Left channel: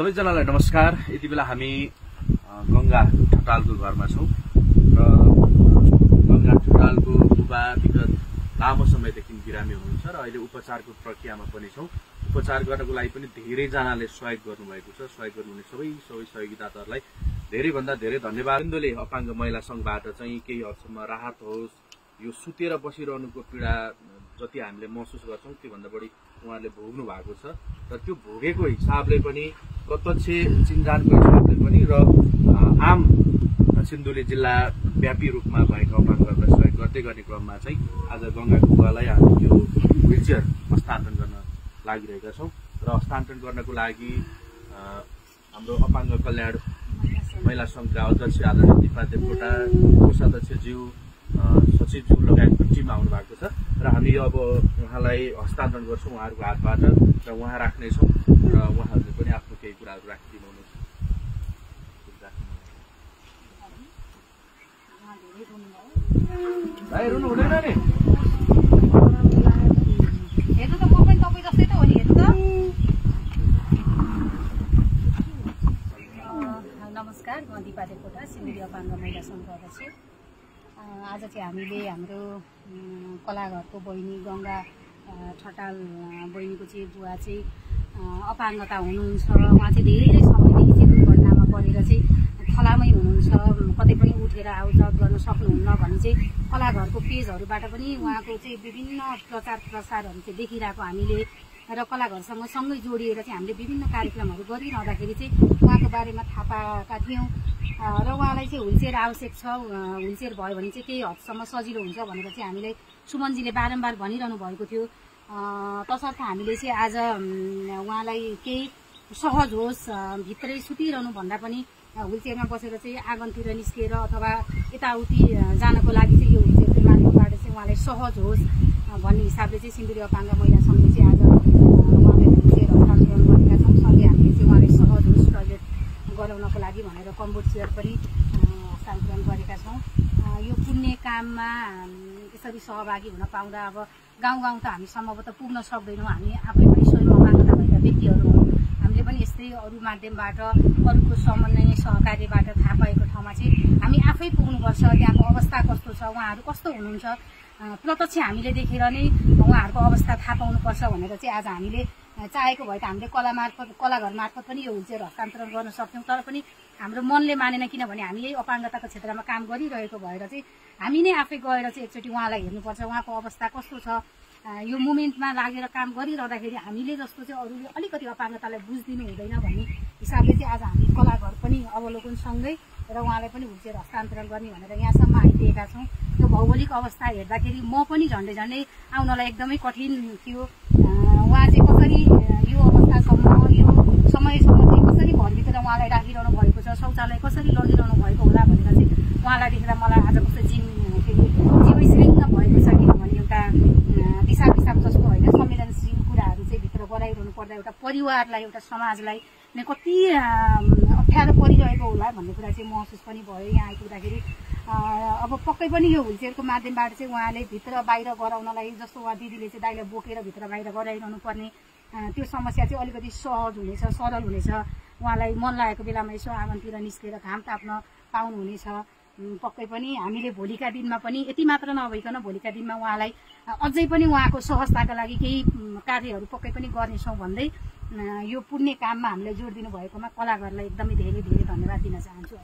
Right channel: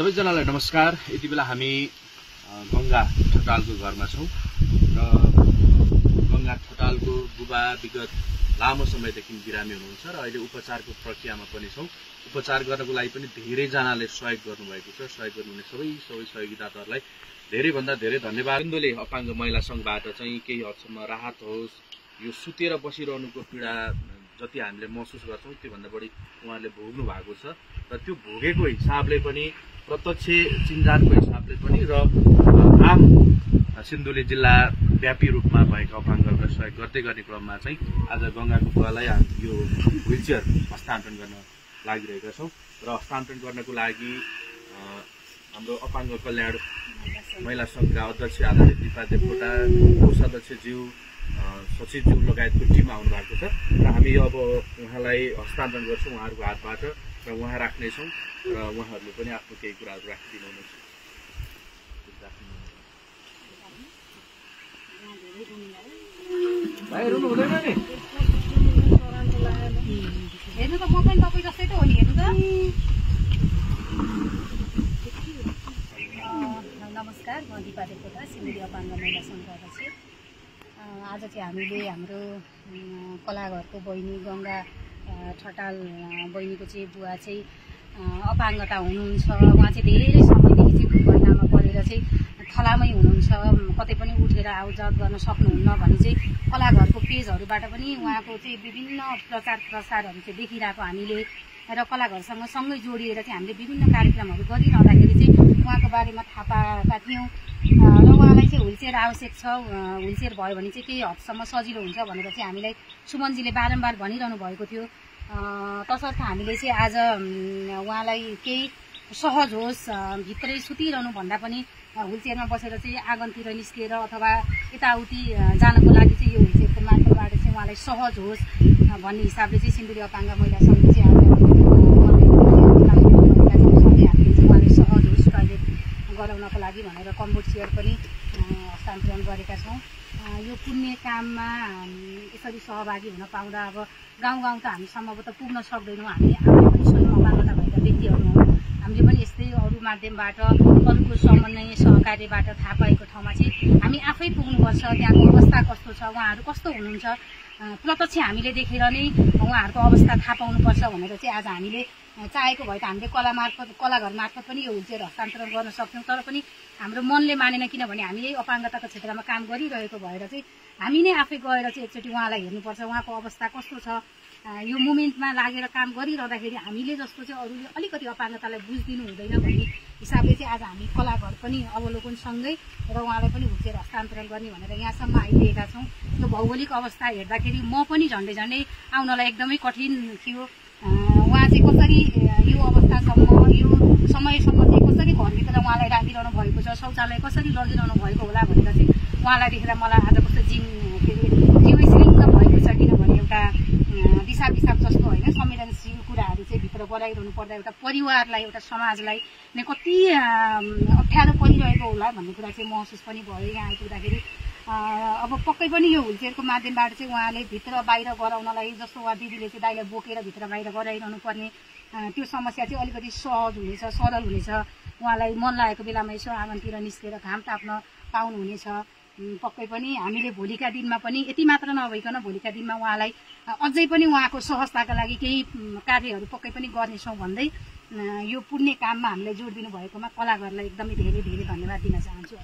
सबैजनालाई नमस्कार। यति बेला हामी गंगा ठटालको घरमा छौं र गंगा ठटालको बुबा विगत लामो समयदेखि बिरामी हुनुहुन्छ र अहिले उपचारको प्रक्रियामा पनि छौं। उपचार गर्नको लागि पनि धेरै जनाले सहयोग गर्नुभएको छ। सहयोग गर्नुहुने सबै सहयोगीदाताहरूलाई धेरै भन्दा धेरै धन्यवाद। सिन्धुली अपाङ्ग महिला संघबाट चाहिँ केही हदसम्म राहत होस्, यो सुतेर बसिरहनुको पीडा जति हामीले महसुस गर्छौं त्यो भन्दा बढी उहाँले भोग्नु भएको छ र त्यो भोगेको हिसाबले पनि प्रत्यक्ष चिन्जानको हिसाबले पनि र आम सिन्धुली जिल्ला व्यापी रूपमा भएका अपाङ्गहरूलाई सहयोग गर्दै गर्ने क्रममा चाहिँ आज गंगाको बुवालाई हामी यो व्हीलचेयर हस्तान्तरण गर्न लागिरहेका छौं र हस्तान्तरण गर्नको लागि हाम्रो अपाङ्ग कल्याण महिला संघका अध्यक्ष आदरणीय दिपा देवकोटा, कोषाध्यक्षज्यू, सचिवज्यू लगायतको टिम आउनु भएको छ र हामी अब उहाँलाई हस्तान्तरण गर्छौं उहाँहरूको हातबाट र उहाँ राख्नेछौं र उहाँहरूले पनि आफ्नो केही कुराहरू राखिदिनुहुनेछ। भाइ रुनु हुँदैन नि, हेर्नु त म पनि तपाईँ जस्तै त हो नि। हेर्नु त। नमस्कार, म दिपा देवकोटा, सिन्धुली अपाङ्ग महिला संघको अध्यक्ष। आज चाहिँ हामीले हाम्रो कलाघरको बहिनी गंगा ठटाल बहिनीको चाहिँ बुवा चाहिँ अपाङ्गता हुनुहुन्छ। उहाँ चाहिँ धेरै समयदेखि चाहिँ दुर्घटनामा परेर चाहिँ खलामै हुनुहुन्छ, कतै पनि उठेर आउजात गर्न सक्नुहुन्न भने चाहिँ कलाघरको पेजहरूबाट पनि उहाँको चाहिँ विभिन्न प्रचार प्रसारहरू चाहिँ देखिरहेको हामीले र कलाघरसँग सँगै जोडिएर चाहिँ हामीले विभिन्न कार्यक्रमहरू गरिरहँदाखेरि चाहिँ उहाँको बारेमा थाहा पाएका थियौँ र उहाँलाई चाहिँ व्हीलचेयर आवश्यक छ, व्हीलचेयर भयो भने चाहिँ केही हदसम्म सजिलो हुन्छ भनेर चाहिँ हामीलाई सुमनजीले बारम्बार भनिरहनु भएको थियो। तसर्थ हामीले चाहिँ आज उहाँलाई केही सहज होस्, भित्रै सुतिरहनु भन्दा पनि व्हीलचेयरमा बसेर चाहिँ आँगनतिर निस्किएर अथवा यताउति जानको लागि चाहिँ यो व्हीलचेयरको माध्यमबाट चाहिँ उहाँलाई सहज होस् भन्ने हिसाबले चाहिँ सिन्धुली अपाङ्ग महिला सङ्घले चाहिँ आज हामीले चाहिँ उहाँलाई सहज होस् टोयलेट गराउनको लागि भनेर कम्बोर्ड चेयर पनि हस्तान्तरण गरेका छौँ। यो पुण्य काममा यसरी सहभागी हुन पाउँदा अब गाउँ गाउँ त हामी सम्भवतः पुग्न सक्दैनौँ। हामी आफै पनि स्वयं अपाङ्गता भएका व्यक्तिहरू हौँ। हामीले पनि यस्तै अरू माध्यमबाट अरूको समन्वय सहकार्यबाट थाहा पाएको ठाउँमा चाहिँ हामी आफै पुग्नुपर्छ। त्यहाँको अवस्था कस्तो छ, उहाँहरू कस्तो हुनुहुन्छ, प्रत्यक्ष हामीले देखेर नै उहाँहरूको अवस्था थाहा पाउनुपर्छ भनेर चाहिँ आज हामीले चाहेको भए त हामीले कलाघर मार्फत पनि यो व्हीलचेयर हस्तान्तरण गर्न सक्छौँ। तर पनि हाम्रो मनले मानेन, किनभने हामीले अपाङ्गताको क्षेत्रमा काम गरिरहेको भएर चाहिँ हामी नै आफै गएर चाहिँ एकचोटि उहाँलाई हेर्नुपर्छ, उहाँको अवस्था कस्तो छ। यो मुभमेन्टमा लागेर काम गरिरहँदाखेरि हामीले जस्तो चाहिँ अरूले अलिकति अपाङ्गतालाई बुझिदिनु हुँदैन भन्ने हिसाबले चाहिँ आज हामी कलाघर पनि अवलोकनसँगै र उहाँलाई पनि व्हीलचेयर हस्तान्तरण गर्ने भनेर यहाँसम्म आइदिएका छौँ। यो भौगोलिक अवस्था हेर्दाखेरि म पनि झन्डै झन्डै आउनलाई एकदमै कठिन थियो। उहाँ चाहिँ कसरी यो अवस्थासम्म यो समयसम्म चाहिँ कसरी घरभित्र उहाँलाई राखिरहनु भएको छ, शौचालय कसरी लगिरहनु भएको होला भनेर चाहिँ उहाँलाई देखेर मलाई आज कस्तो जिउ श्रृङ्ग भएको छ। किनभने एउटा दिशा पिसाब जस्तो होइन, संवेदनशील कुराहरू चाहिँ भित्र गराइरहनु पर्दा एउटा परिवारलाई, एउटा समाजलाई नै कति अप्ठ्यारो परिरहेको होला भन्ने कुरा चाहिँ महसुस पनि भयो यहाँ आइपुग्दाखेरि। अब पक्कै पनि यो व्हीलचेयरको माध्यमबाट चाहिँ उहाँले भित्र बाहिर गराउनलाई, जस्तो उहाँ दिदीले चाहिँ दाइलाई बोकेर भित्र बाहिर गराइरहनु पर्ने त्यो समस्या चाहिँ अलिकति सहज हुनेछ, सरल हुनेछ। उहाँलाई मन लागेको बेलामा यसो आँगनतिर निस्केर घाम ताप्न पाउनुहुनेछ। पक्कै पनि हामीले भोलिका दिनमा पनि यति मात्र नभइकन भोलिका दिनमा उहाँलाई अझै पनि उहाँको सहजताका लागि केही कार्यहरू पक्कै पनि गर्नेछौँ भन्दै यो पुण्य काममा हामीलाई जोड दिनु भएकोमा कलाघरलाई एकदमै धेरै धेरै धन्यवाद दिन चाहन्छु।